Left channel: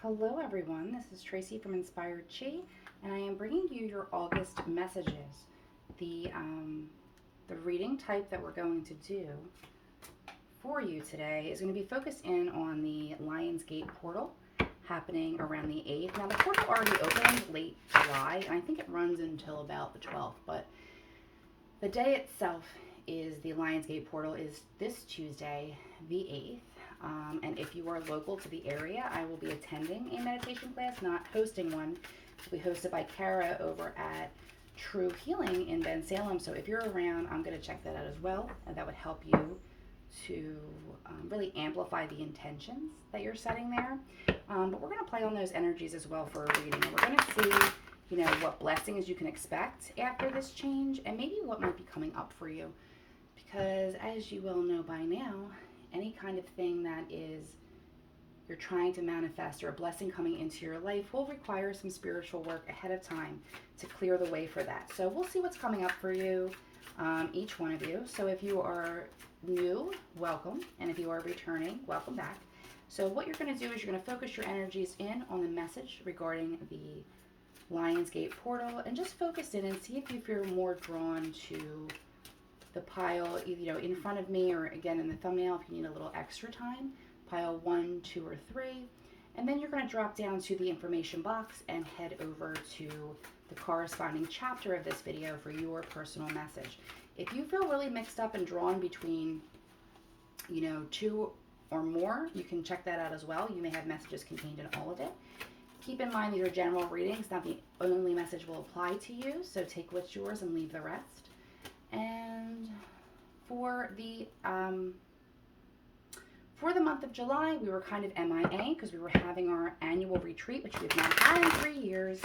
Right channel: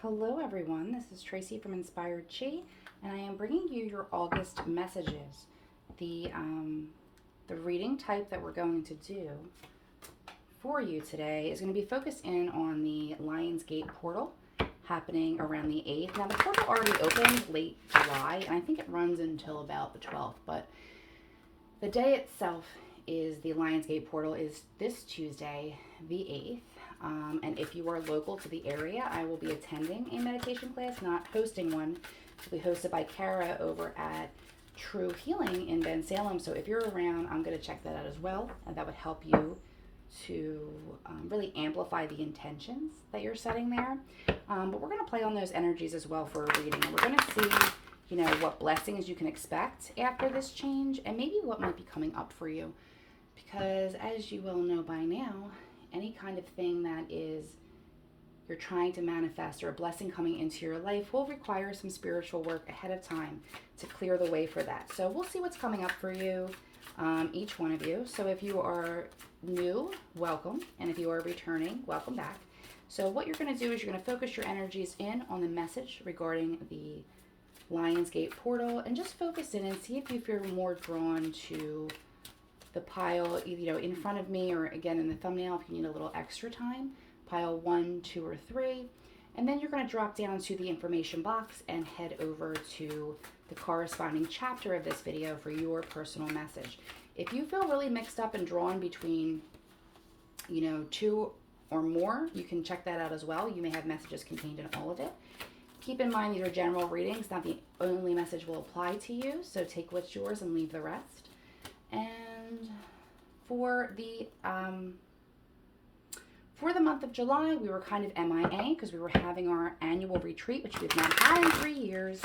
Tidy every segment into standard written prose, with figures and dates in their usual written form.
Hello everyone, this is Tracy from Inspired Chi, and I am bringing you your August messages. The reading type that we're going to do for you today is going to be focused in on the Lionsgate portal happening around the 8th. Now the portal already opened late July, and I think it runs until about the 12th, but the day itself is the Lionsgate portal is this Tuesday, the 8th. And if you are local to the area, I will be attending a meditation class, not hosting one. It will be hosted by Kara over at True Healing in Ben Salem. So if you're around, I'm going to check that out as well. And that would help you to really amplify the intentions that you're setting there. But we're going to play on those energies as well for a reading. And we're going to see, what blessings you can expect after this change and maybe what might be coming up for you. Because as you will know by now, any kind of thing that is you're trying to manifest or a blessing coming into your life will require some spiritual work ahead of time to clear the way for that. So we'll see what's coming up for you, each one of you. So if you are new, welcome. And if you are returning, welcome back. So what you're going to do is you're going to focus your energies in on the message regarding the Lionsgate portal and just focus in and see if you feel more drawn to the pile, in front of me or again in the thumbnail if you need a little extra time, pile 1, 2, or 3. And then you're going to drop down to the information box and head over to the corresponding chapter of this video for your personal message. If you feel really mixed up and drawn between, 2 or more, you can check that out as well. You may have messages contained in all of it. Keep in mind these are general readings, not the only message will apply to you, so take what's yours and leave the rest. And for the month of July, we were kind of MIA because we were having our annual retreat, which we've not had in 3 years.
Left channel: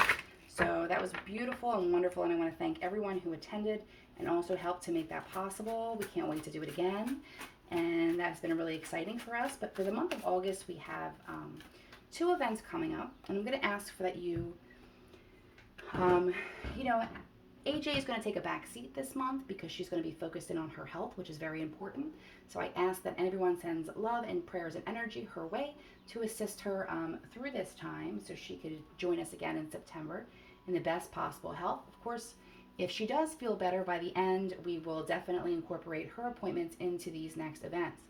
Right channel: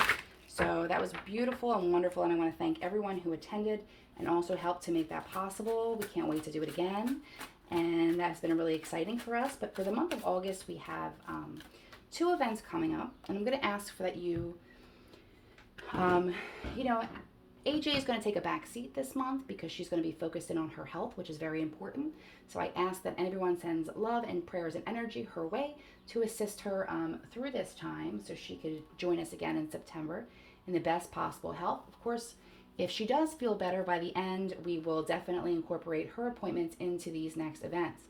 So that was beautiful and wonderful, and I want to thank everyone who attended and also helped to make that possible. We can't wait to do it again, and that's been really exciting for us. But for the month of August, we have 2 events coming up, and I'm going to ask for that AJ is going to take a back seat this month because she's going to be focused in on her health, which is very important. So I ask that everyone sends love and prayers and energy her way to assist her through this time so she could join us again in September in the best possible health. Of course, if she does feel better by the end, we will definitely incorporate her appointments into these next events.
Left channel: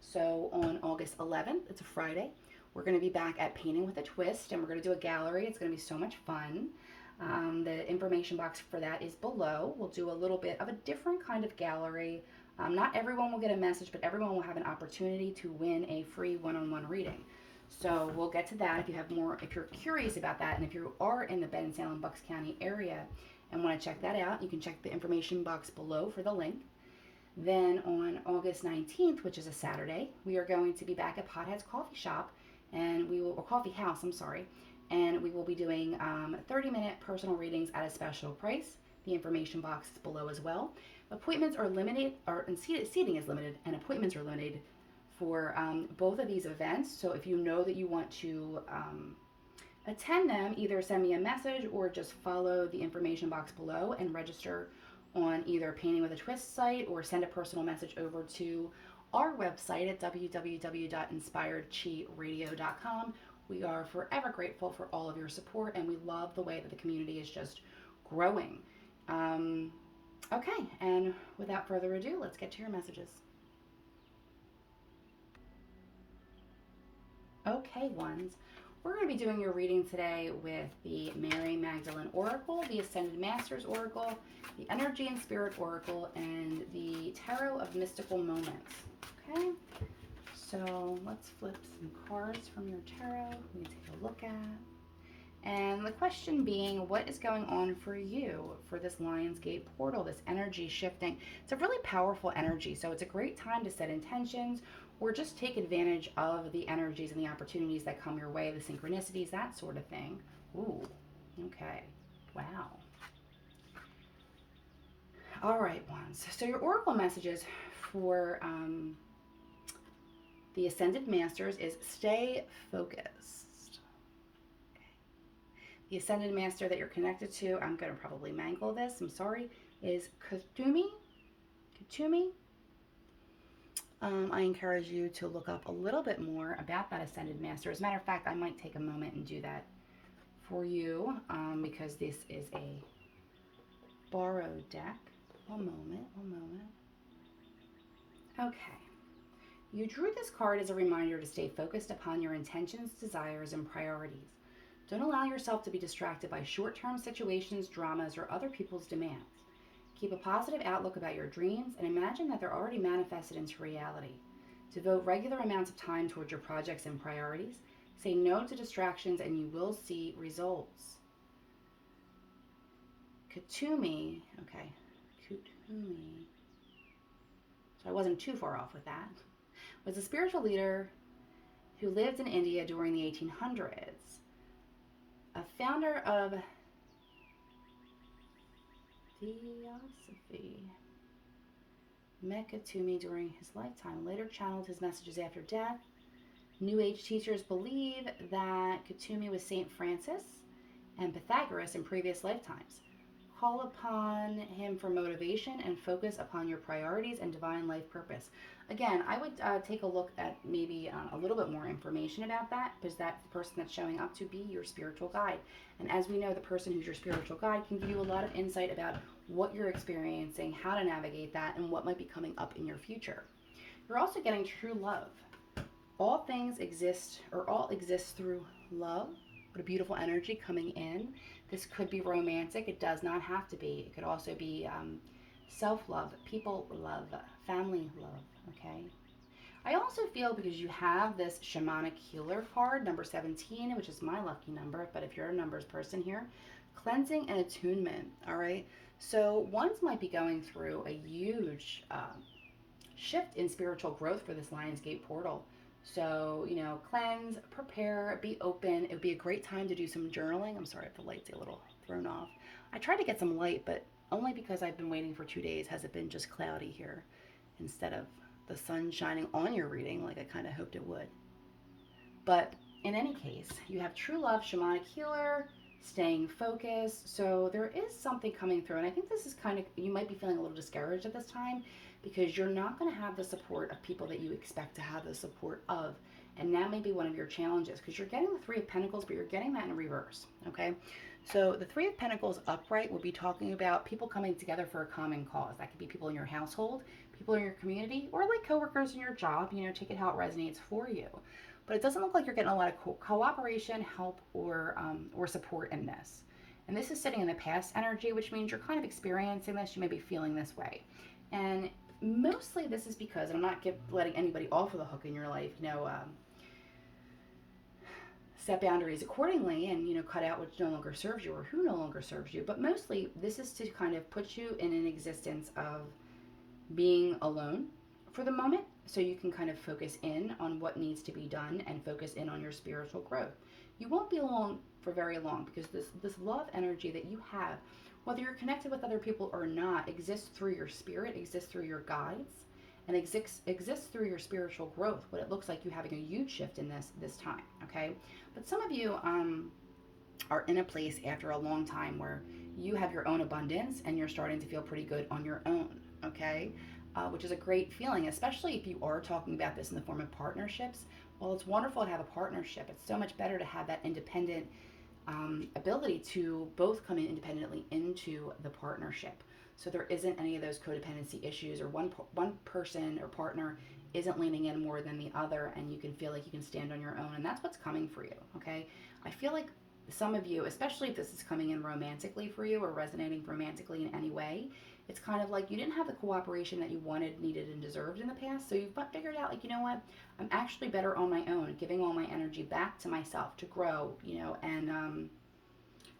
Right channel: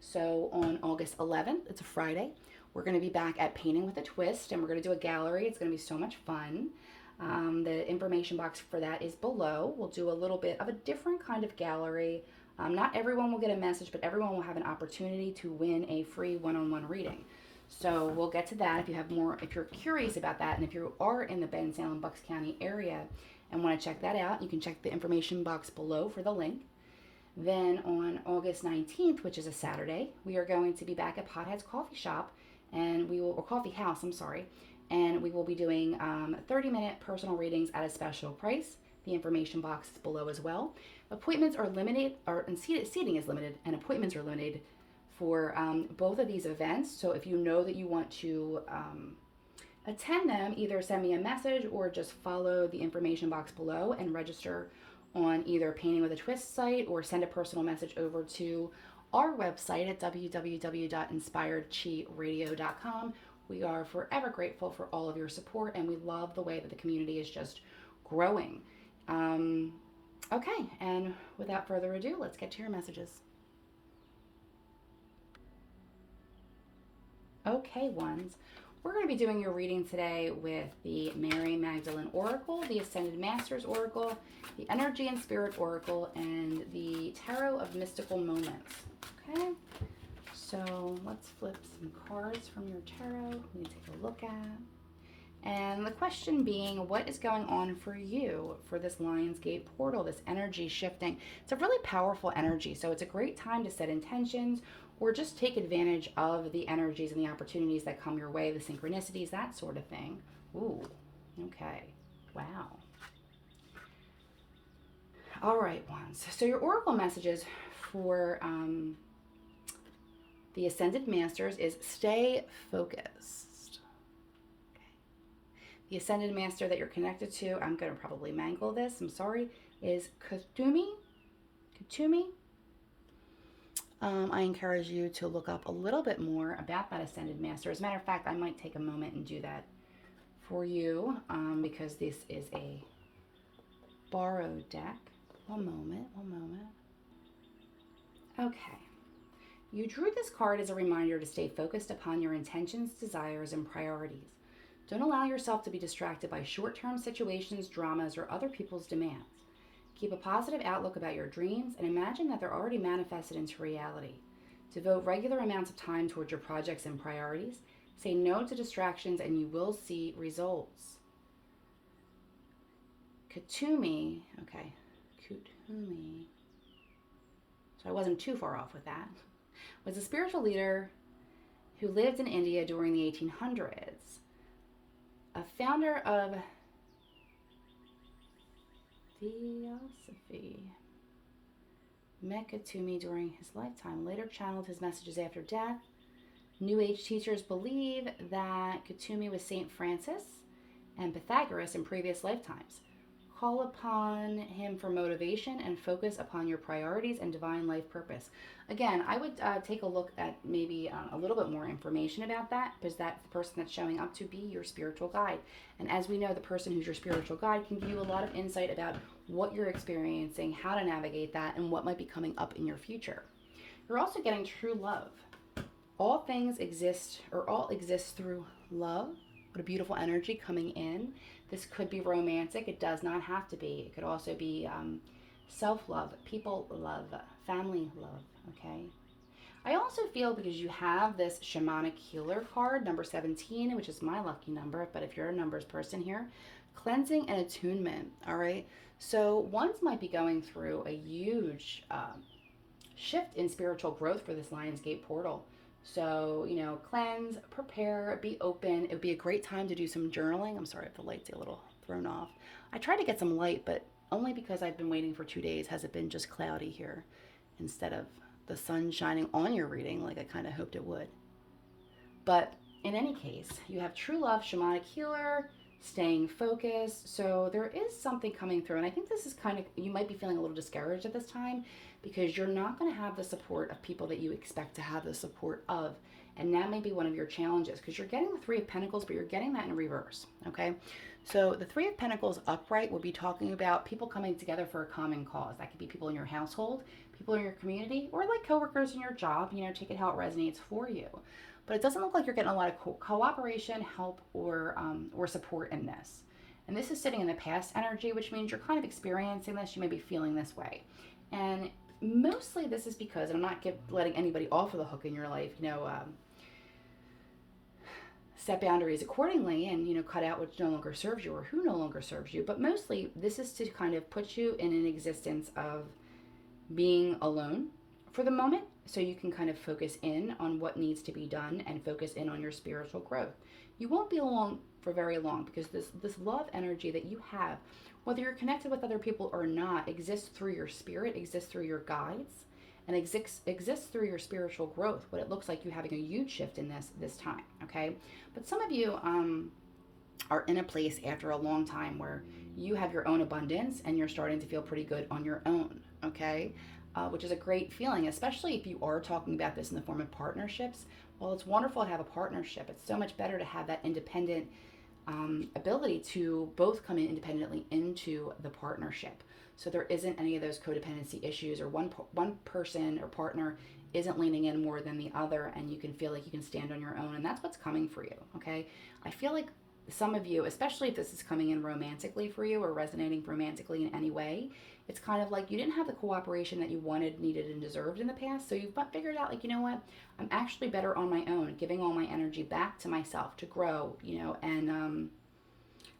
So on August 11th, it's a Friday, we're going to be back at Painting with a Twist, and we're going to do a gallery. It's going to be so much fun. The information box for that is below. We'll do a little bit of a different kind of gallery. Not everyone will get a message, but everyone will have an opportunity to win a free one-on-one reading. So we'll get to that if you have more, if you're curious about that, and if you are in the Ben Salem, Bucks County area and want to check that out, you can check the information box below for the link. Then on August 19th, which is a Saturday, we are going to be back at Pothead's Coffee Shop, and or Coffee House, I'm sorry, and we will be doing 30-minute personal readings at a special price. The information box is below as well. Appointments are limited, and seating is limited, and appointments are limited for both of these events. So if you know that you want to attend them, either send me a message or just follow the information box below and register on either Painting with a Twist site or send a personal message over to our website at www.inspiredchiradio.com. We are forever grateful for all of your support, and we love the way that the community is just growing. Okay, and without further ado, let's get to your messages. Okay, ones. We're going to be doing your reading today with the Mary Magdalene Oracle, the Ascended Masters Oracle, the Energy and Spirit Oracle, and the Tarot of Mystical Moments. Okay? So let's flip some cards from your tarot we take a look at. And the question being, what is going on for you for this Lionsgate portal, this energy shifting? It's a really powerful energy, so it's a great time to set intentions or just take advantage of the energies and the opportunities that come your way, the synchronicities, that sort of thing. Ooh, okay, wow. All right, ones. So your oracle messages for the Ascended Masters is stay focused. Okay. The Ascended Master that you're connected to, I'm going to probably mangle this, I'm sorry, is Katumi. I encourage you to look up a little bit more about that Ascended Master. As a matter of fact, I might take a moment and do that for you because this is a borrowed deck. One moment, one moment. Okay. You drew this card as a reminder to stay focused upon your intentions, desires, and priorities. Don't allow yourself to be distracted by short-term situations, dramas, or other people's demands. Keep a positive outlook about your dreams and imagine that they're already manifested into reality. Devote regular amounts of time towards your projects and priorities. Say no to distractions and you will see results. Kutumi, okay, Kutumi. So I wasn't too far off with that. Was a spiritual leader who lived in India during the 1800s. A founder of Theosophy. Mekatumi during his lifetime. Later channeled his messages after death. New Age teachers believe that Kutumi was Saint Francis and Pythagoras in previous lifetimes. Call upon him for motivation and focus upon your priorities and divine life purpose. Again, I would take a look at maybe a little bit more information about that because that's the person that's showing up to be your spiritual guide. And as we know, the person who's your spiritual guide can give you a lot of insight about what you're experiencing, how to navigate that, and what might be coming up in your future. You're also getting true love. All things exist, or all exists through love. What a beautiful energy coming in. This could be romantic. It does not have to be. It could also be self-love, people love, family love, okay? I also feel because you have this shamanic healer card, number 17, which is my lucky number, but if you're a numbers person here, cleansing and attunement, all right? So ones might be going through a huge shift in spiritual growth for this Lionsgate portal. So, you know, cleanse, prepare, be open. It would be a great time to do some journaling. I'm sorry if the light's a little thrown off. I tried to get some light, but only because I've been waiting for 2 days has it been just cloudy here instead of the sun shining on your reading like I kind of hoped it would. But in any case, you have true love, shamanic healer, staying focused. So there is something coming through. And I think this is kind of, you might be feeling a little discouraged at this time because you're not going to have the support of people that you expect to have the support of. And that may be one of your challenges because you're getting the Three of Pentacles, but you're getting that in reverse, okay? So the Three of Pentacles upright will be talking about people coming together for a common cause. That could be people in your household, people in your community, or like coworkers in your job. You know, take it how it resonates for you. But it doesn't look like you're getting a lot of cooperation, help, or support in this. And this is sitting in the past energy, which means you're kind of experiencing this. You may be feeling this way. And mostly this is because, and I'm not letting anybody off of the hook in your life, you know, set boundaries accordingly and, you know, cut out what no longer serves you or who no longer serves you. But mostly this is to kind of put you in an existence of being alone for the moment so you can kind of focus in on what needs to be done and focus in on your spiritual growth. You won't be alone for very long because this love energy that you have, whether you're connected with other people or not, exists through your spirit, exists through your guides, and exists through your spiritual growth. What it looks like you having a huge shift in this time, okay? But some of you are in a place after a long time where you have your own abundance and you're starting to feel pretty good on your own, okay? Which is a great feeling, especially if you are talking about this in the form of partnerships. Well, it's wonderful to have a partnership. It's so much better to have that independent ability to both come in independently into the partnership. So there isn't any of those codependency issues or one person or partner isn't leaning in more than the other and you can feel like you can stand on your own. And that's what's coming for you, okay? I feel like some of you, especially if this is coming in romantically for you or resonating romantically in any way, it's kind of like you didn't have the cooperation that you wanted, needed, and deserved in the past. So you've figured out, like, you know what? I'm actually better on my own, giving all my energy back to myself to grow, you know, and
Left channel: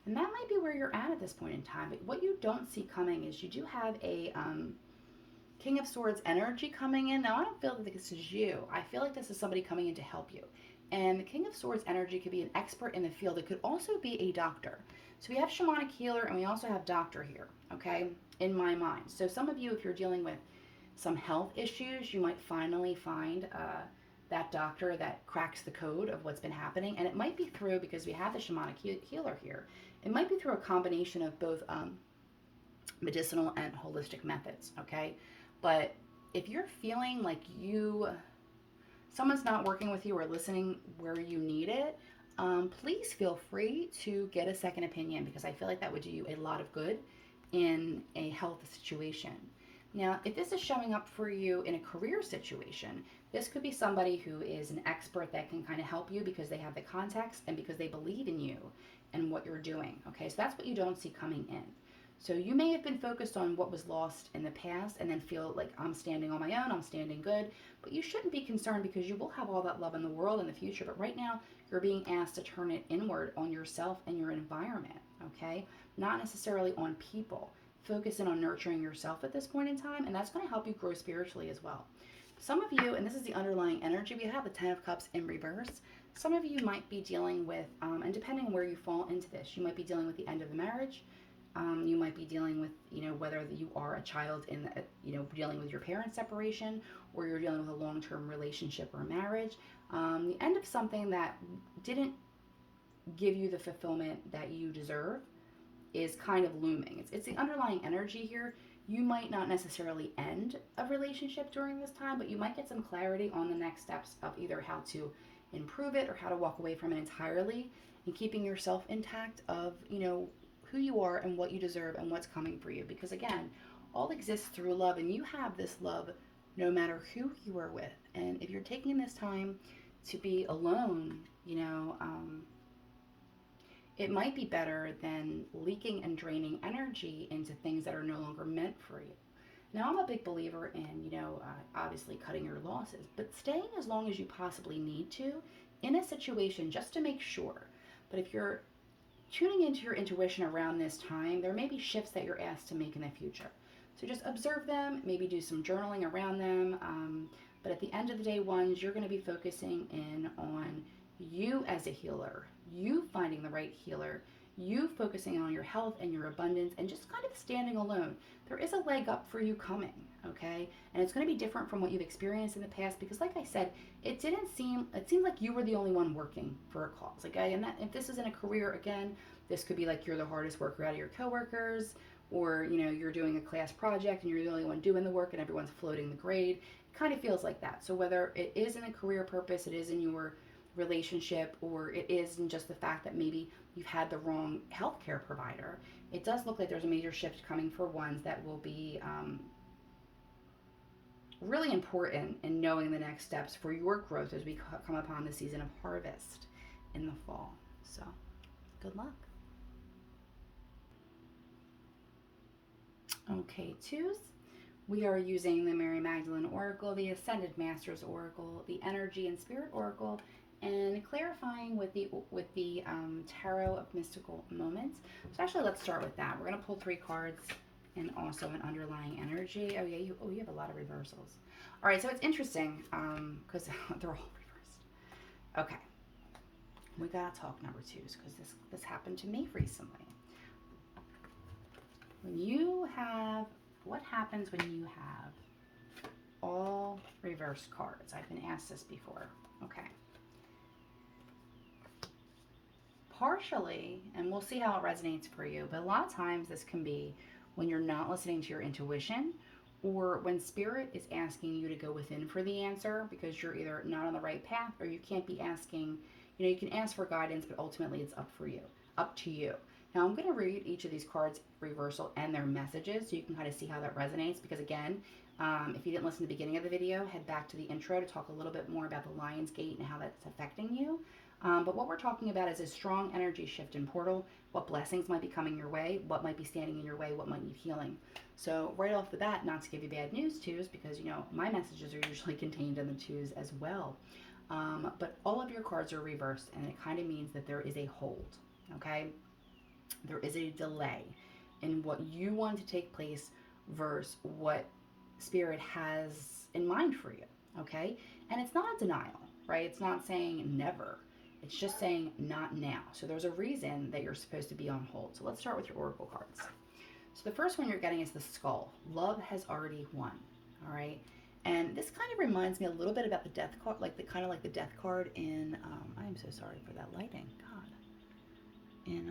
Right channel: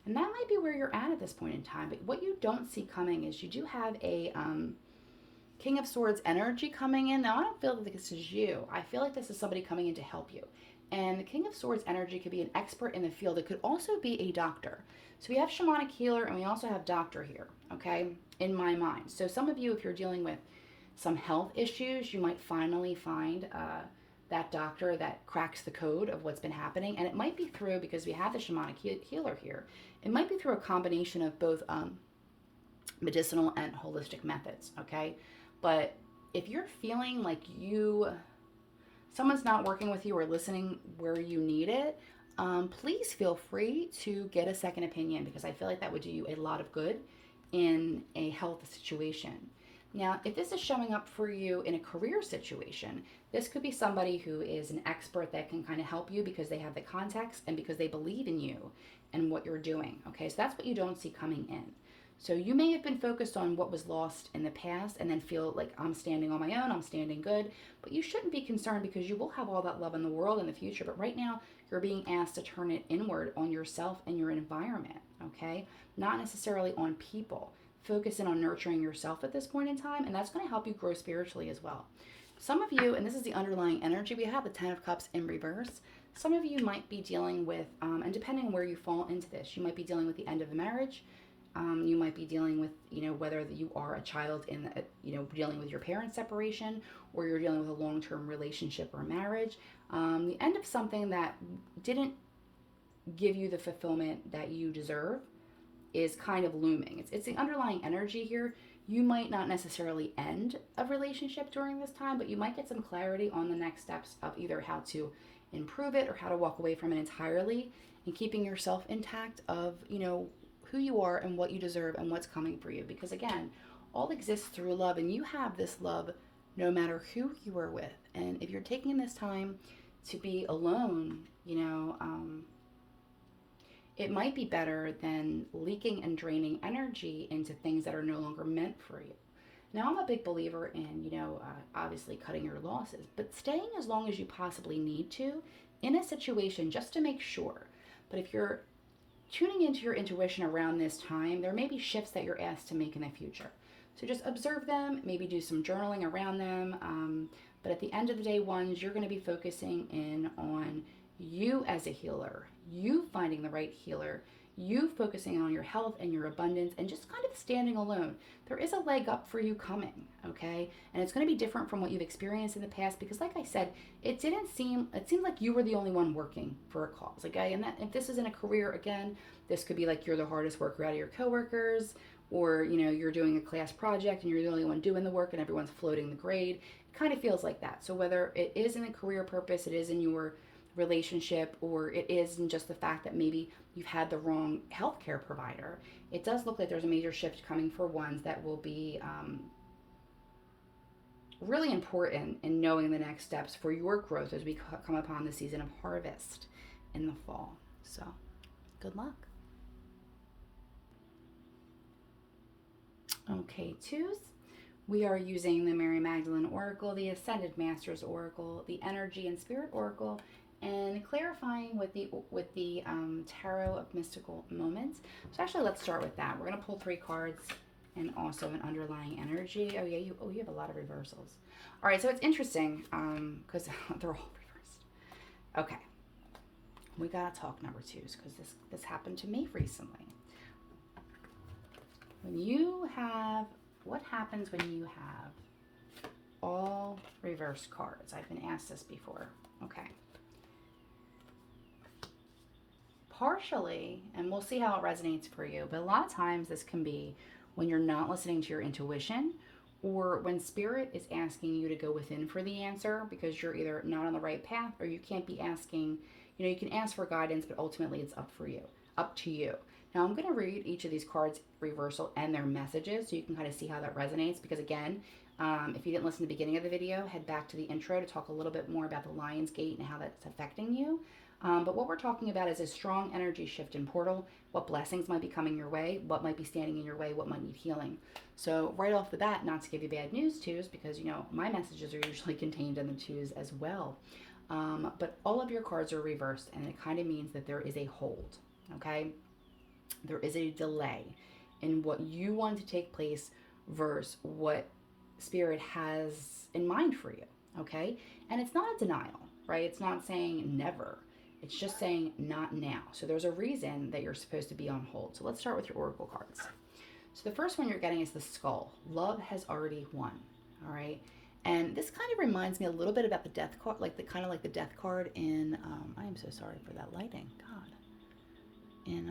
that might be where you're at this point in time. But what you don't see coming is you do have a King of Swords energy coming in. Now, I don't feel that this is you. I feel like this is somebody coming in to help you. And the King of Swords energy could be an expert in the field. It could also be a doctor. So we have shamanic healer and we also have doctor here, okay, in my mind. So some of you, if you're dealing with some health issues, you might finally find that doctor that cracks the code of what's been happening. And it might be through, because we have the shamanic healer here, it might be through a combination of both medicinal and holistic methods, okay? But if you're feeling like someone's not working with you or listening where you need it, please feel free to get a second opinion, because I feel like that would do you a lot of good in a health situation. Now, if this is showing up for you in a career situation, this could be somebody who is an expert that can kind of help you because they have the context and because they believe in you and what you're doing. Okay, so that's what you don't see coming in. So you may have been focused on what was lost in the past and then feel like I'm standing on my own, I'm standing good, but you shouldn't be concerned because you will have all that love in the world in the future. But right now, you're being asked to turn it inward on yourself and your environment, okay? Not necessarily on people. Focus in on nurturing yourself at this point in time, and that's going to help you grow spiritually as well. Some of you, and this is the underlying energy, we have the Ten of Cups in reverse. Some of you might be dealing with, and depending on where you fall into this, you might be dealing with the end of a marriage. You might be dealing with, whether you are a child in, dealing with your parents' separation, or you're dealing with a long-term relationship or marriage. The end of something that didn't give you the fulfillment that you deserve is kind of looming. It's the underlying energy here. You might not necessarily end a relationship during this time, but you might get some clarity on the next steps of either how to improve it or how to walk away from it entirely, and keeping yourself intact of, who you are and what you deserve and what's coming for you. Because again, all exists through love, and you have this love no matter who you are with. And if you're taking this time to be alone, it might be better than leaking and draining energy into things that are no longer meant for you. Now, I'm a big believer in, obviously cutting your losses, but staying as long as you possibly need to in a situation just to make sure. But if you're tuning into your intuition around this time, there may be shifts that you're asked to make in the future. So just observe them, maybe do some journaling around them. But at the end of the day, ones, you're going to be focusing in on you as a healer, you finding the right healer, you focusing on your health and your abundance, and just kind of standing alone. There is a leg up for you coming, okay? And it's going to be different from what you've experienced in the past, because like I said, it seemed like you were the only one working for a cause, okay? And that, if this is in a career, again, this could be like you're the hardest worker out of your coworkers, or you're doing a class project and you're the only one doing the work and everyone's floating the grade. It kind of feels like that. So whether it is in a career purpose, it is in your relationship, or it is in just the fact that maybe you've had the wrong healthcare provider, it does look like there's a major shift coming for ones that will be really important in knowing the next steps for your growth as we come upon the season of harvest in the fall. So good luck. Okay, twos. We are using the Mary Magdalene Oracle, the Ascended Masters Oracle, the Energy and Spirit Oracle, and clarifying with the Tarot of Mystical Moments. So actually, let's start with that. We're going to pull 3 cards and also an underlying energy. Oh yeah, you have a lot of reversals. All right, so it's interesting because they're all reversed. Okay, we gotta talk number 2s because this happened to me recently. What happens when you have all reversed cards? I've been asked this before. Okay. Partially, and we'll see how it resonates for you, but a lot of times this can be when you're not listening to your intuition, or when spirit is asking you to go within for the answer because you're either not on the right path, or you can't be asking, you can ask for guidance, but ultimately it's up to you. Now I'm going to read each of these cards reversal and their messages so you can kind of see how that resonates, because again, if you didn't listen to the beginning of the video, head back to the intro to talk a little bit more about the Lion's Gate and how that's affecting you. But what we're talking about is a strong energy shift in portal, what blessings might be coming your way, what might be standing in your way, what might need healing. So right off the bat, not to give you bad news, twos, because my messages are usually contained in the twos as well. But all of your cards are reversed, and it kind of means that there is a hold, okay? There is a delay in what you want to take place versus what spirit has in mind for you, okay? And it's not a denial, right? It's not saying never. It's just saying not now. So there's a reason that you're supposed to be on hold. So let's start with your oracle cards. So the first one you're getting is the skull. Love has already won, all right? And this kind of reminds me a little bit about the death card, like the death card in, I am so sorry for that lighting, God. In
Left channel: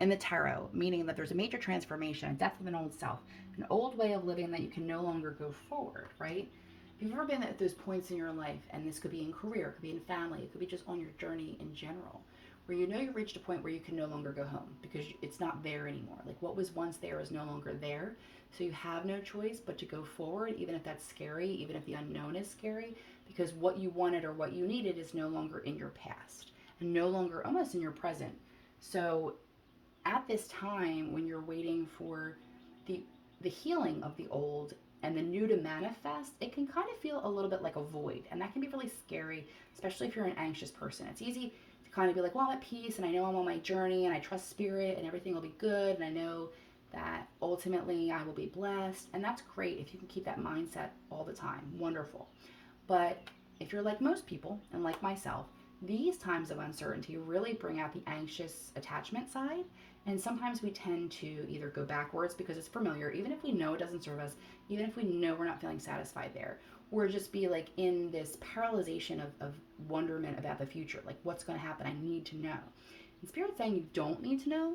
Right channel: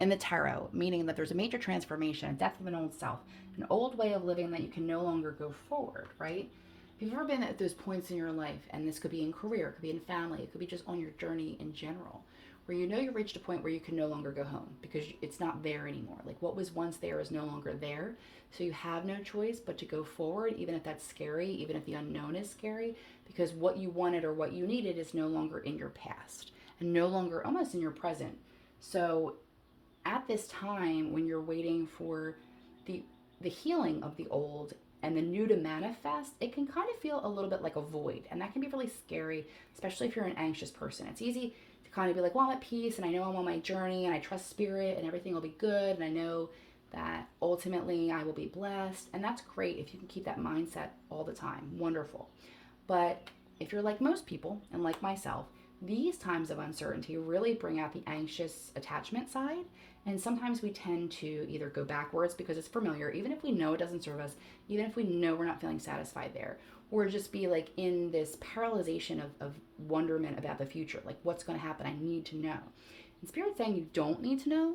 in the tarot, meaning that there's a major transformation, a death of an old self, an old way of living that you can no longer go forward, right? If you've ever been at those points in your life, and this could be in career, it could be in family, it could be just on your journey in general, where you know you reached a point where you can no longer go home because it's not there anymore. Like what was once there is no longer there. So you have no choice but to go forward, even if that's scary, even if the unknown is scary, because what you wanted or what you needed is no longer in your past and no longer almost in your present. So at this time when you're waiting for the the healing of the old and the new to manifest, it can kind of feel a little bit like a void, and that can be really scary, especially if you're an anxious person. It's easy to kind of be like, well, I'm at peace and I know I'm on my journey and I trust spirit and everything will be good and I know that ultimately I will be blessed, and that's great if you can keep that mindset all the time. Wonderful. But if you're like most people and like myself, these times of uncertainty really bring out the anxious attachment side. And sometimes we tend to either go backwards because it's familiar, even if we know it doesn't serve us, even if we know we're not feeling satisfied there, or just be like in this paralyzation of wonderment about the future. Like, what's going to happen? I need to know. And Spirit's saying you don't need to know.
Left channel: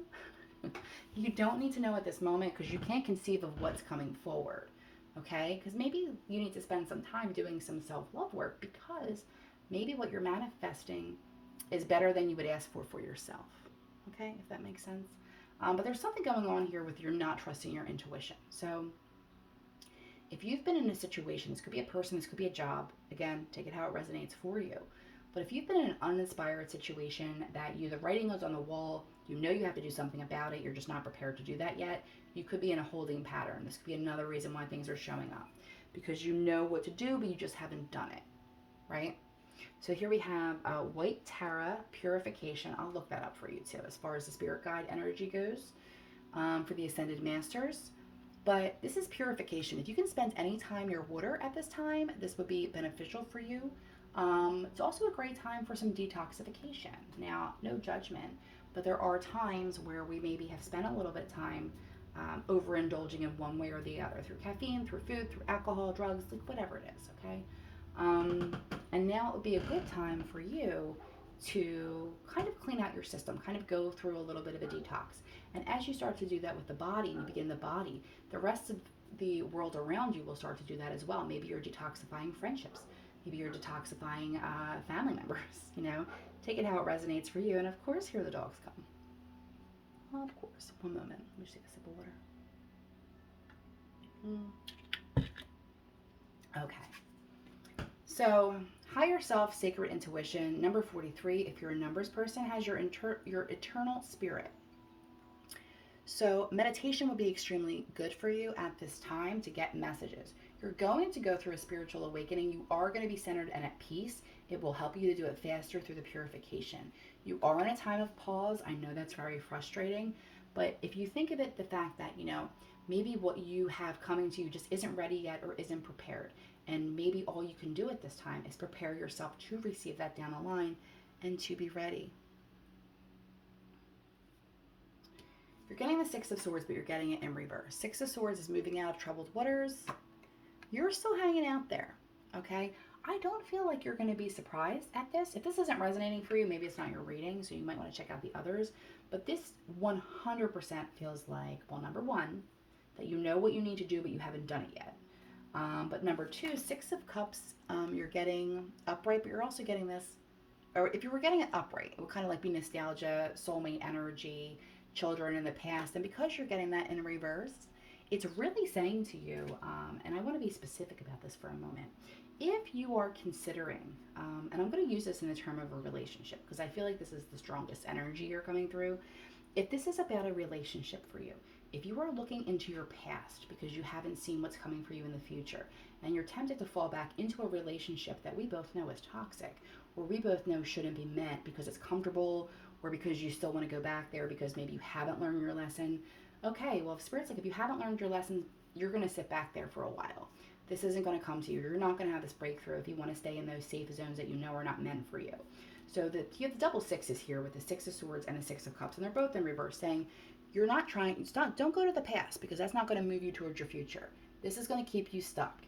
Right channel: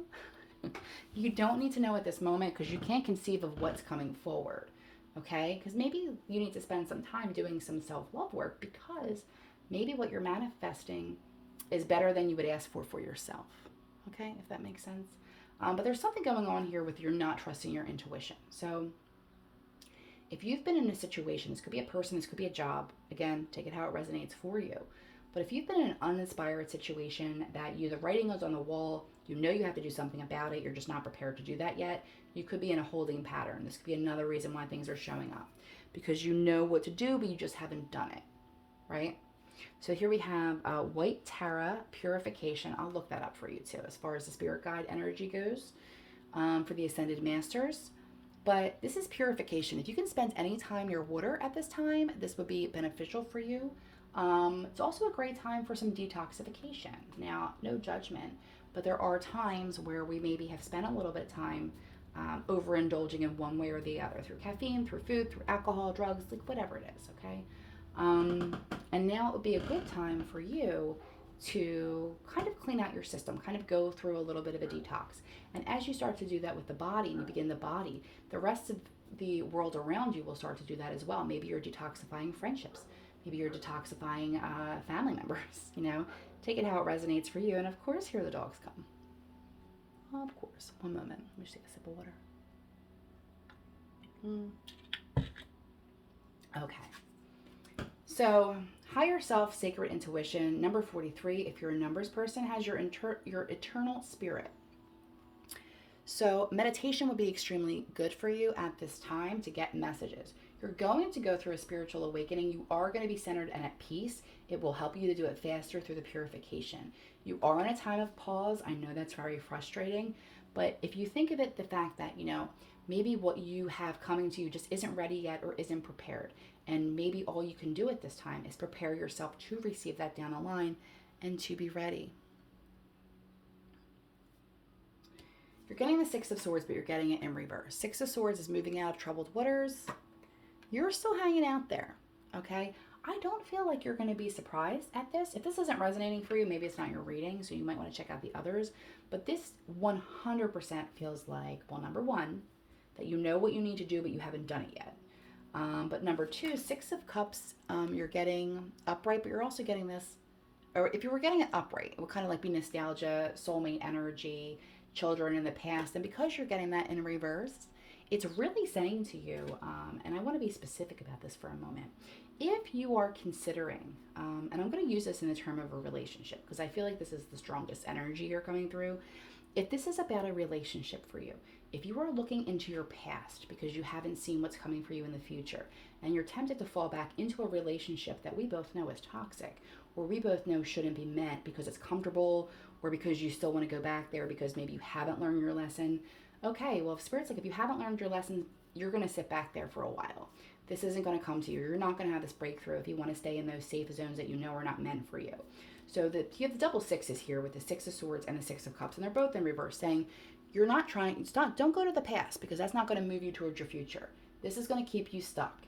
You don't need to know at this moment because you can't conceive of what's coming forward. Okay? Because maybe you need to spend some time doing some self-love work, because maybe what you're manifesting is better than you would ask for yourself. Okay? If that makes sense. But there's something going on here with you're not trusting your intuition. So if you've been in a situation, this could be a person, this could be a job, again, take it how it resonates for you. But if you've been in an uninspired situation that the writing is on the wall, you know you have to do something about it, you're just not prepared to do that yet, you could be in a holding pattern. This could be another reason why things are showing up, because you know what to do, but you just haven't done it, right? So here we have White Tara Purification. I'll look that up for you too, as far as the spirit guide energy goes, for the Ascended Masters. But this is purification. If you can spend any time near water at this time, this would be beneficial for you. It's also a great time for some detoxification. Now, no judgment, but there are times where we maybe have spent a little bit of time overindulging in one way or the other, through caffeine, through food, through alcohol, drugs, like whatever it is, okay? And now it would be a good time for you to kind of clean out your system, kind of go through a little bit of a detox. And as you start to do that with the body, and you begin the body, the rest of the world around you will start to do that as well. Maybe you're detoxifying friendships. Maybe you're detoxifying family members, you know. Take it how it resonates for you. And of course, here the dogs come. Oh, of course. One moment. Let me just take a sip of water. Okay. So, higher self, sacred intuition, number 43, if you're a numbers person, has your eternal spirit. So, meditation would be extremely good for you at this time to get messages. You're going to go through a spiritual awakening. You are going to be centered and at peace. It will help you to do it faster through the purification. You are in a time of pause. I know that's very frustrating, but if you think of it, the fact that, you know, maybe what you have coming to you just isn't ready yet or isn't prepared. And maybe all you can do at this time is prepare yourself to receive that down the line and to be ready. You're getting the Six of Swords, but you're getting it in reverse. Six of Swords is moving out of troubled waters. You're still hanging out there, okay? I don't feel like you're going to be surprised at this. If this isn't resonating for you, maybe it's not your reading, so you might want to check out the others. But this 100% feels like, well, number one, that you know what you need to do, but you haven't done it yet. But number two, Six of Cups, you're getting upright, but you're also getting this, or if you were getting it upright, it would kind of like be nostalgia, soulmate energy, children in the past. And because you're getting that in reverse, it's really saying to you, and I want to be specific about this for a moment, if you are considering, and I'm going to use this in the term of a relationship, because I feel like this is the strongest energy you're coming through. If this is about a relationship for you, if you are looking into your past because you haven't seen what's coming for you in the future, and you're tempted to fall back into a relationship that we both know is toxic, or we both know shouldn't be met because it's comfortable, or because you still want to go back there because maybe you haven't learned your lesson, okay, well, if Spirit's like, if you haven't learned your lesson, you're going to sit back there for a while. This isn't going to come to you. You're not going to have this breakthrough if you want to stay in those safe zones that you know are not meant for you. So you have the double sixes here with the Six of Swords and the Six of Cups, and they're both in reverse, saying you're not trying, don't go to the past because that's not going to move you towards your future. This is going to keep you stuck.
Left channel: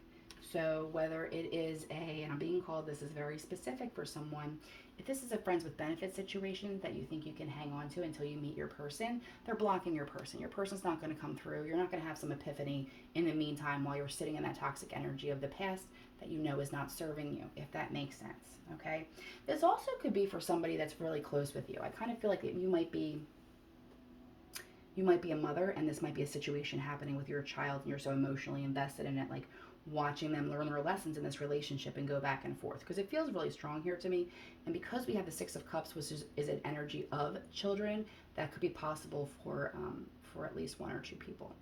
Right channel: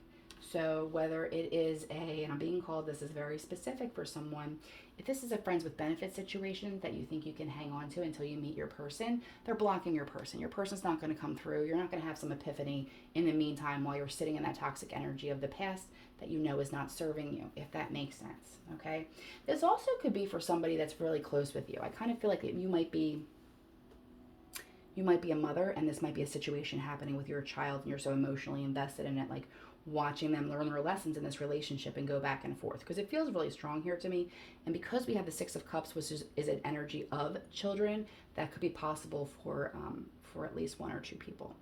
So whether it is and I'm being called, this is very specific for someone. If this is a friends with benefits situation that you think you can hang on to until you meet your person, they're blocking your person. Your person's not going to come through. You're not going to have some epiphany in the meantime while you're sitting in that toxic energy of the past that you know is not serving you, if that makes sense. Okay. This also could be for somebody that's really close with you. I kind of feel like you might be a mother, and this might be a situation happening with your child, and you're so emotionally invested in it, like watching them learn their lessons in this relationship and go back and forth, because it feels really strong here to me. And because we have the Six of Cups, which is an energy of children, that could be possible for at least one or two people.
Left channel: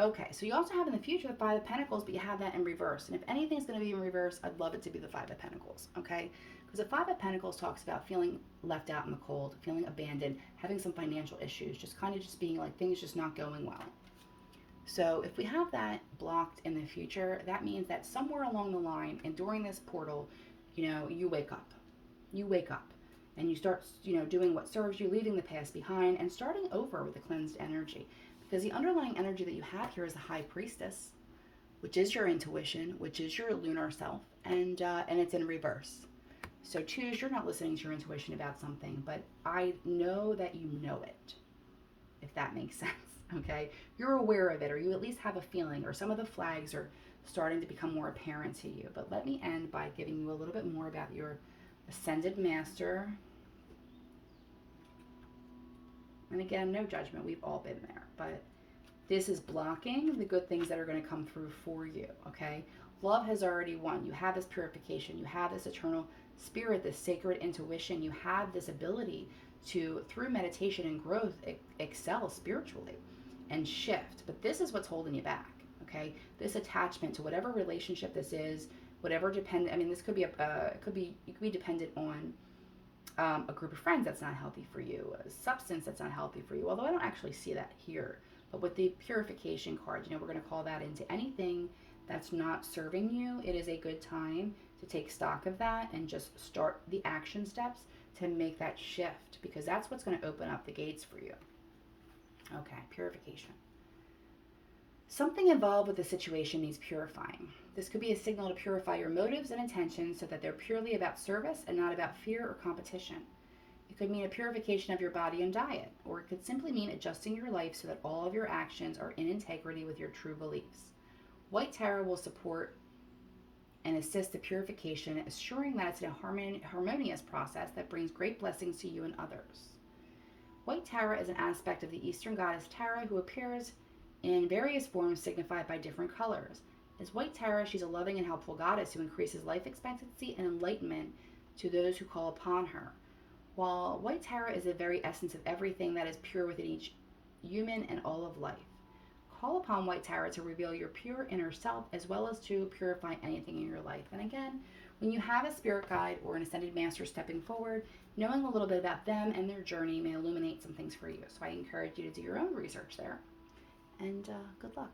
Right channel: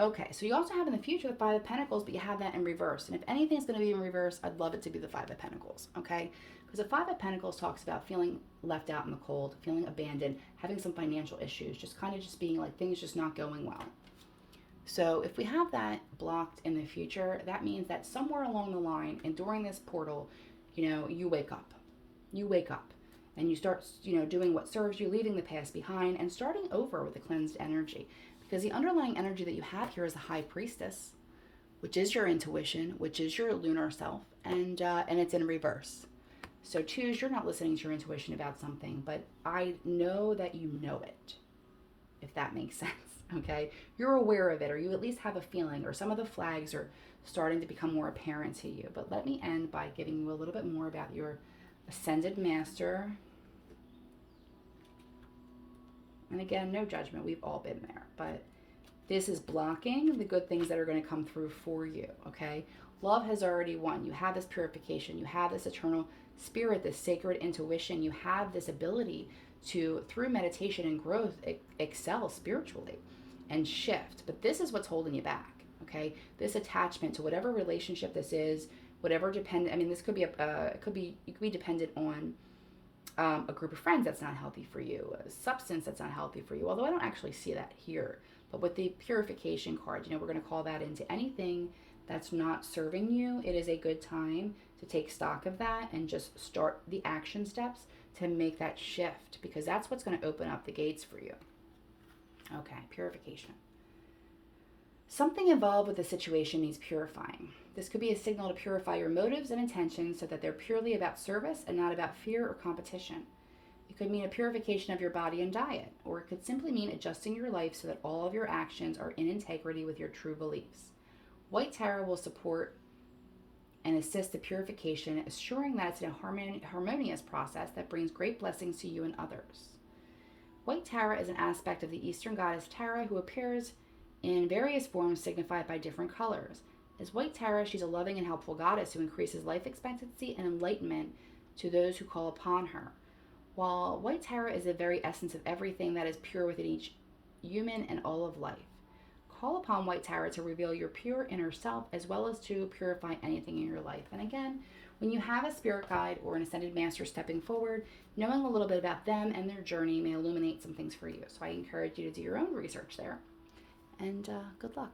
Okay, so you also have in the future the Five of Pentacles, but you have that in reverse. And if anything's going to be in reverse, I'd love it to be the Five of Pentacles, okay? Because the Five of Pentacles talks about feeling left out in the cold, feeling abandoned, having some financial issues, just kind of just being like things just not going well. So if we have that blocked in the future, that means that somewhere along the line and during this portal, you wake up. You wake up and you start, doing what serves you, leaving the past behind and starting over with the cleansed energy. Because the underlying energy that you have here is the High Priestess, which is your intuition, which is your lunar self, and it's in reverse. So choose, you're not listening to your intuition about something, but I know that you know it, if that makes sense. Okay, you're aware of it, or you at least have a feeling, or some of the flags are starting to become more apparent to you. But let me end by giving you a little bit more about your Ascended Master. And again, no judgment, we've all been there, but this is blocking the good things that are going to come through for you, okay? Love has already won. You have this purification, you have this eternal spirit, this sacred intuition, you have this ability to, through meditation and growth, excel spiritually and shift. But this is what's holding you back, okay? This attachment to whatever relationship this is, whatever dependent, this could be you could be dependent on a group of friends that's not healthy for you, a substance that's not healthy for you, although I don't actually see that here. But with the purification card, we're going to call that into anything that's not serving you. It is a good time to take stock of that and just start the action steps to make that shift, because that's what's going to open up the gates for you. Okay, purification. Something involved with the situation needs purifying. This could be a signal to purify your motives and intentions so that they're purely about service and not about fear or competition. It could mean a purification of your body and diet, or it could simply mean adjusting your life so that all of your actions are in integrity with your true beliefs. White Tarot will support and assist the purification, assuring that it's a harmonious process that brings great blessings to you and others. White Tarot is an aspect of the Eastern goddess Tara, who appears in various forms signified by different colors. As White Tara, she's a loving and helpful goddess who increases life expectancy and enlightenment to those who call upon her. While White Tara is the very essence of everything that is pure within each human and all of life. Call upon White Tara to reveal your pure inner self, as well as to purify anything in your life. And again, when you have a spirit guide or an ascended master stepping forward, knowing a little bit about them and their journey may illuminate some things for you. So I encourage you to do your own research there. And good luck.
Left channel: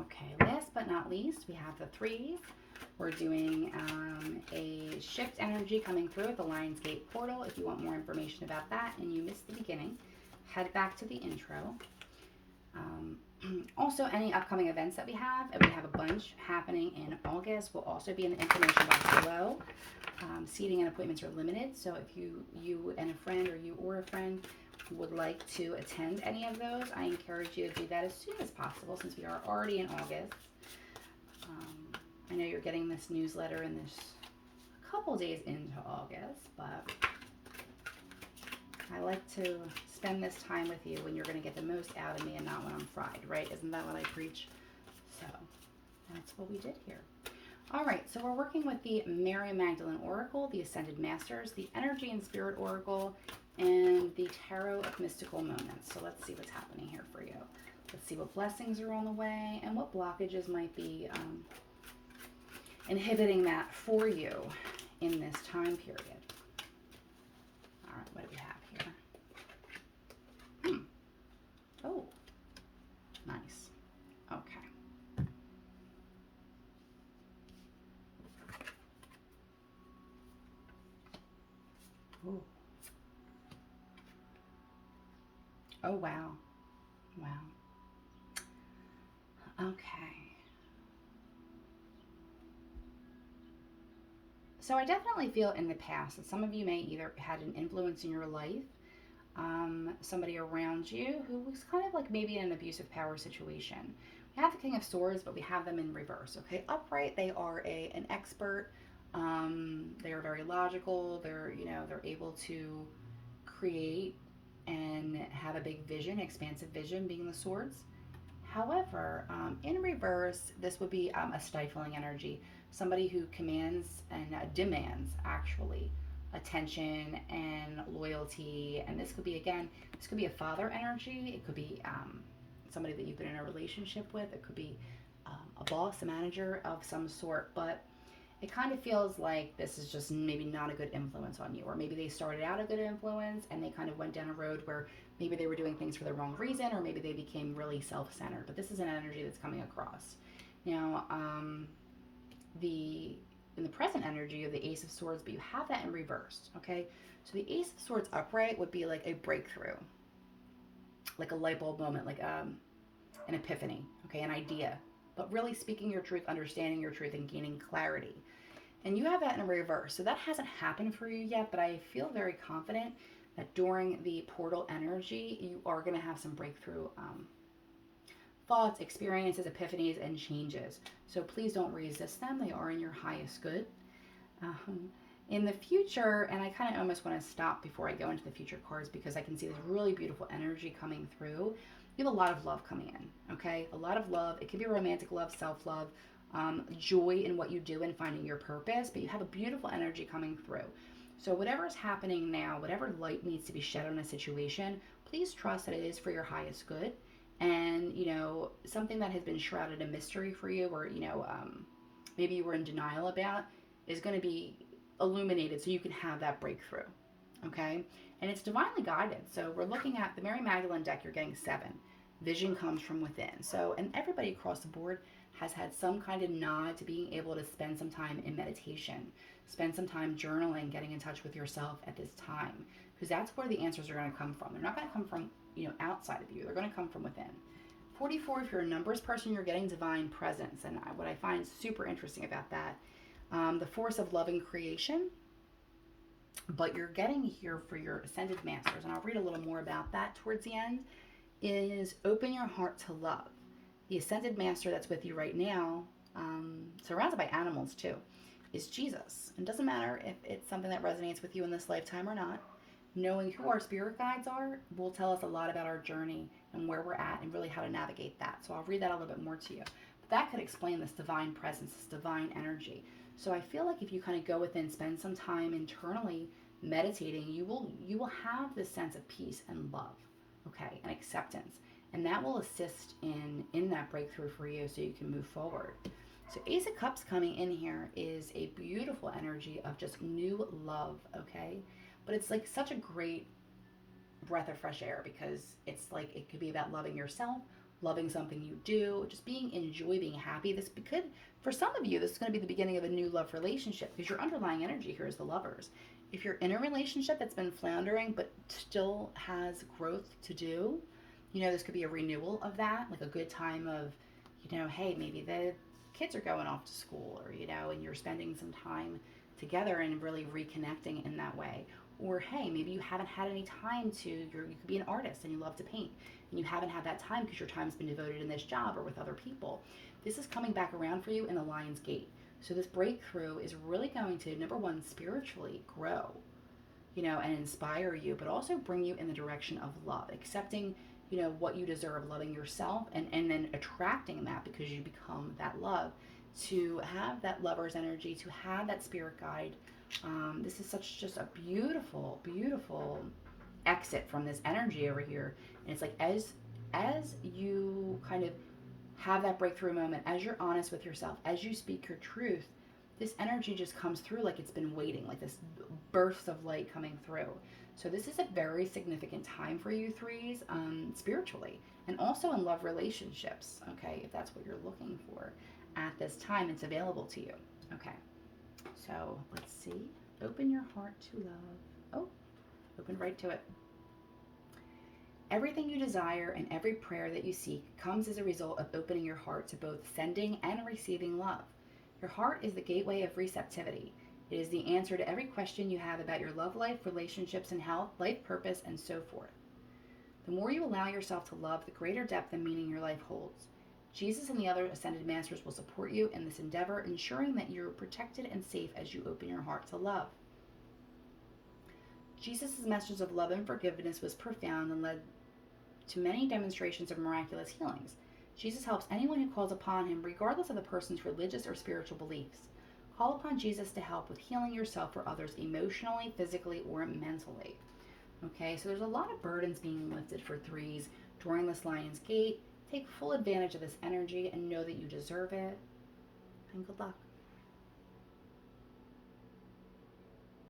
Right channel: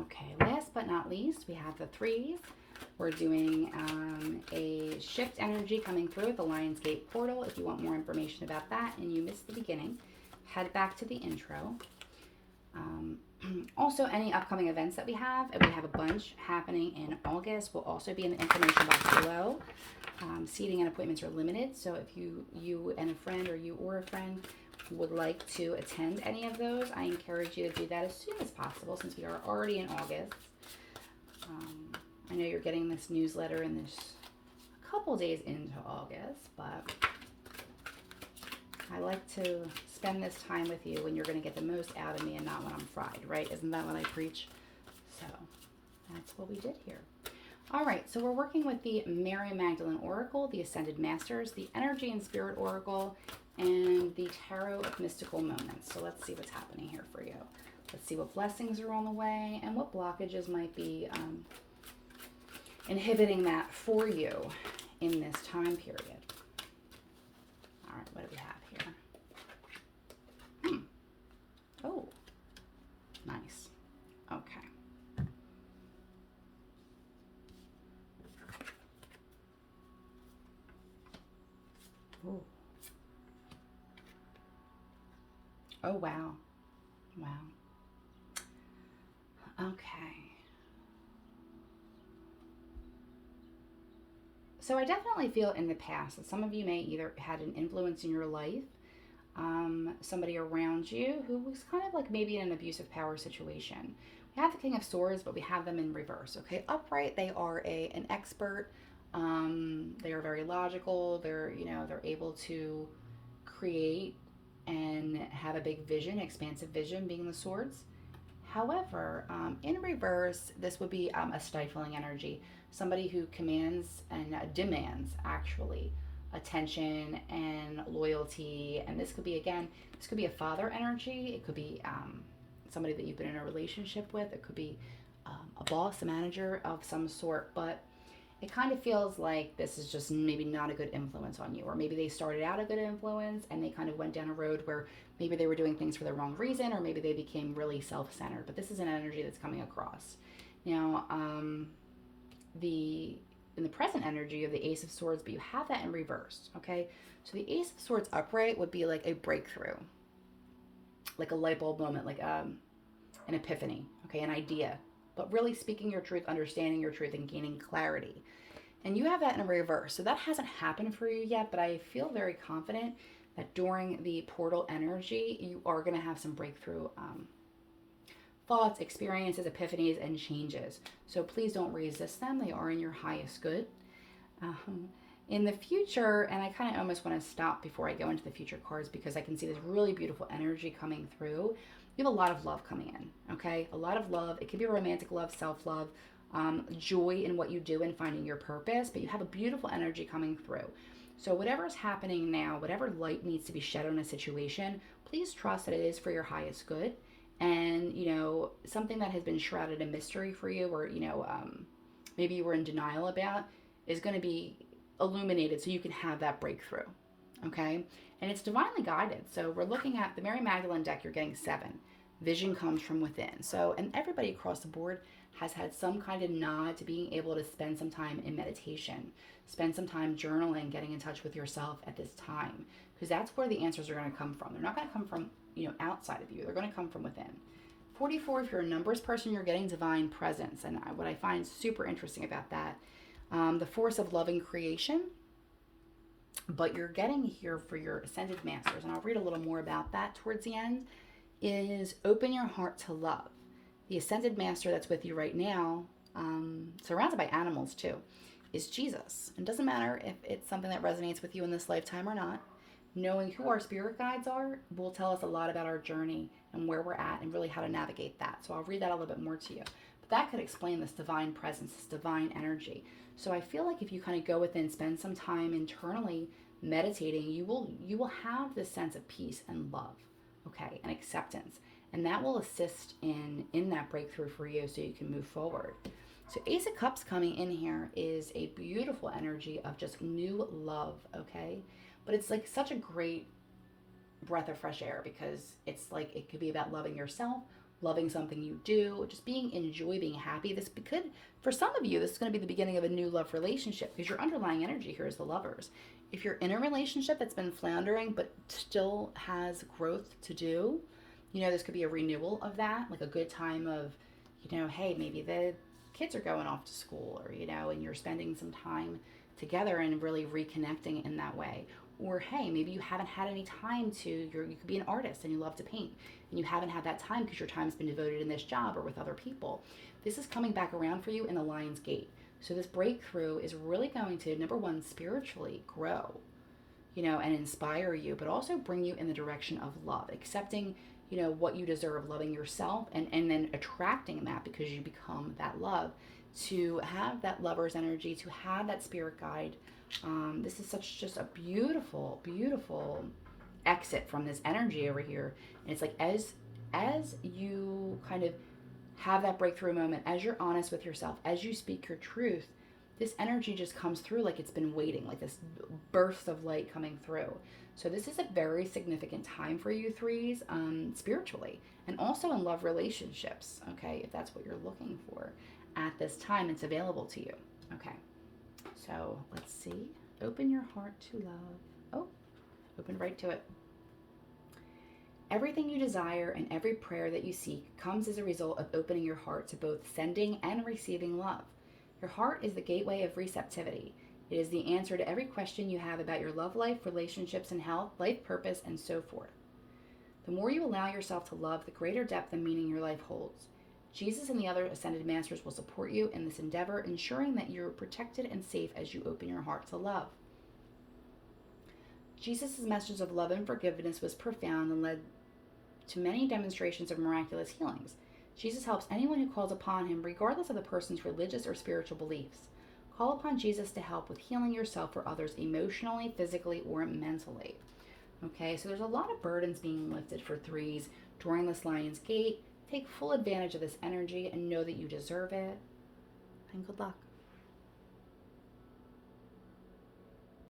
Okay, last but not least, we have the threes. We're doing a shift energy coming through at the Lionsgate portal. If you want more information about that and you missed the beginning, head back to the intro. Also, any upcoming events that we have, and we have a bunch happening in August, will also be in the information box below. Seating and appointments are limited, so if you and a friend, or you or a friend, would like to attend any of those, I encourage you to do that as soon as possible, since we are already in August. I know you're getting this newsletter in this couple days into August, but I like to spend this time with you when you're going to get the most out of me and not when I'm fried, right? Isn't that what I preach? So that's what we did here. All right, so we're working with the Mary Magdalene Oracle, the Ascended Masters, the Energy and Spirit Oracle, and the Tarot of Mystical Moments. So let's see what's happening here for you. Let's see what blessings are on the way and what blockages might be inhibiting that for you in this time period. All right, what do we have here? Oh, nice. Okay. Ooh. Oh, wow. Wow. Okay. So I definitely feel in the past that some of you may either had an influence in your life, somebody around you who was kind of like maybe in an abusive power situation. We have the King of Swords, but we have them in reverse. Okay, upright, they are an expert. They are very logical. They're able to create and have a big vision, expansive vision, being the swords. However, in reverse, this would be a stifling energy, somebody who commands and demands actually attention and loyalty. And this could be, again, this could be a father energy. It could be somebody that you've been in a relationship with. It could be a boss, a manager of some sort. But it kind of feels like this is just maybe not a good influence on you, or maybe they started out a good influence and they kind of went down a road where maybe they were doing things for the wrong reason, or maybe they became really self-centered. But this is an energy that's coming across now. The In the present energy of the Ace of Swords, but you have that in reverse. Okay, so the Ace of Swords upright would be like a breakthrough, like a light bulb moment, like an epiphany. Okay, an idea, but really speaking your truth, understanding your truth, and gaining clarity. And you have that in reverse. So that hasn't happened for you yet, but I feel very confident that during the portal energy, you are going to have some breakthrough thoughts, experiences, epiphanies, and changes. So please don't resist them. They are in your highest good. In the future, and I kind of almost want to stop before I go into the future cards because I can see this really beautiful energy coming through. You have a lot of love coming in, okay? A lot of love. It could be romantic love, self-love, joy in what you do and finding your purpose, but you have a beautiful energy coming through. So whatever is happening now, whatever light needs to be shed on a situation, please trust that it is for your highest good. And, something that has been shrouded in mystery for you, or, maybe you were in denial about, is going to be illuminated so you can have that breakthrough. Okay? And it's divinely guided. So we're looking at the Mary Magdalene deck, you're getting 7. Vision comes from within. So, and everybody across the board has had some kind of nod to being able to spend some time in meditation, spend some time journaling, getting in touch with yourself at this time, because that's where the answers are going to come from. They're not going to come from, outside of you. They're going to come from within. 44, if you're a numbers person, you're getting divine presence. And what I find super interesting about that, the force of loving creation, but you're getting here for your ascended masters, and I'll read a little more about that towards the end, is open your heart to love. The ascended master that's with you right now, surrounded by animals too, is Jesus. And it doesn't matter if it's something that resonates with you in this lifetime or not. Knowing who our spirit guides are will tell us a lot about our journey and where we're at and really how to navigate that. So I'll read that a little bit more to you. But that could explain this divine presence, this divine energy. So I feel like if you kind of go within, spend some time internally meditating, you will have this sense of peace and love, okay, and acceptance. And that will assist in that breakthrough for you so you can move forward. So Ace of Cups coming in here is a beautiful energy of just new love, okay? But it's like such a great breath of fresh air, because it's like it could be about loving yourself, loving something you do, just being in joy, being happy. This could, for some of you, this is going to be the beginning of a new love relationship, because your underlying energy here is the Lovers. If you're in a relationship that's been floundering but still has growth to do, this could be a renewal of that, like a good time of, hey, maybe the kids are going off to school, or, and you're spending some time together and really reconnecting in that way. Or, hey, maybe you haven't had any time you could be an artist and you love to paint, and you haven't had that time because your time's been devoted in this job or with other people. This is coming back around for you in the Lion's Gate. So this breakthrough is really going to, number one, spiritually grow, and inspire you, but also bring you in the direction of love, accepting, what you deserve, loving yourself, and then attracting that because you become that love, to have that Lover's energy, to have that spirit guide. This is just a beautiful, beautiful exit from this energy over here. And it's like as you kind of have that breakthrough moment, as you're honest with yourself, as you speak your truth, this energy just comes through like it's been waiting, like this burst of light coming through. So this is a very significant time for you threes, spiritually, and also in love relationships, okay, if that's what you're looking for at this time, it's available to you. Okay, so let's see. Open your heart to love. Oh, open right to it. Everything you desire and every prayer that you seek comes as a result of opening your heart to both sending and receiving love. Your heart is the gateway of receptivity. It is the answer to every question you have about your love life, relationships and health, life purpose, and so forth. The more you allow yourself to love, the greater depth and meaning your life holds. Jesus and the other ascended masters will support you in this endeavor, ensuring that you're protected and safe as you open your heart to love. Jesus' message of love and forgiveness was profound and led to many demonstrations of miraculous healings. Jesus helps anyone who calls upon him, regardless of the person's religious or spiritual beliefs. Call upon Jesus to help with healing yourself or others emotionally, physically, or mentally. Okay, so there's a lot of burdens being lifted for threes during this Lion's Gate. Take full advantage of this energy and know that you deserve it. And good luck.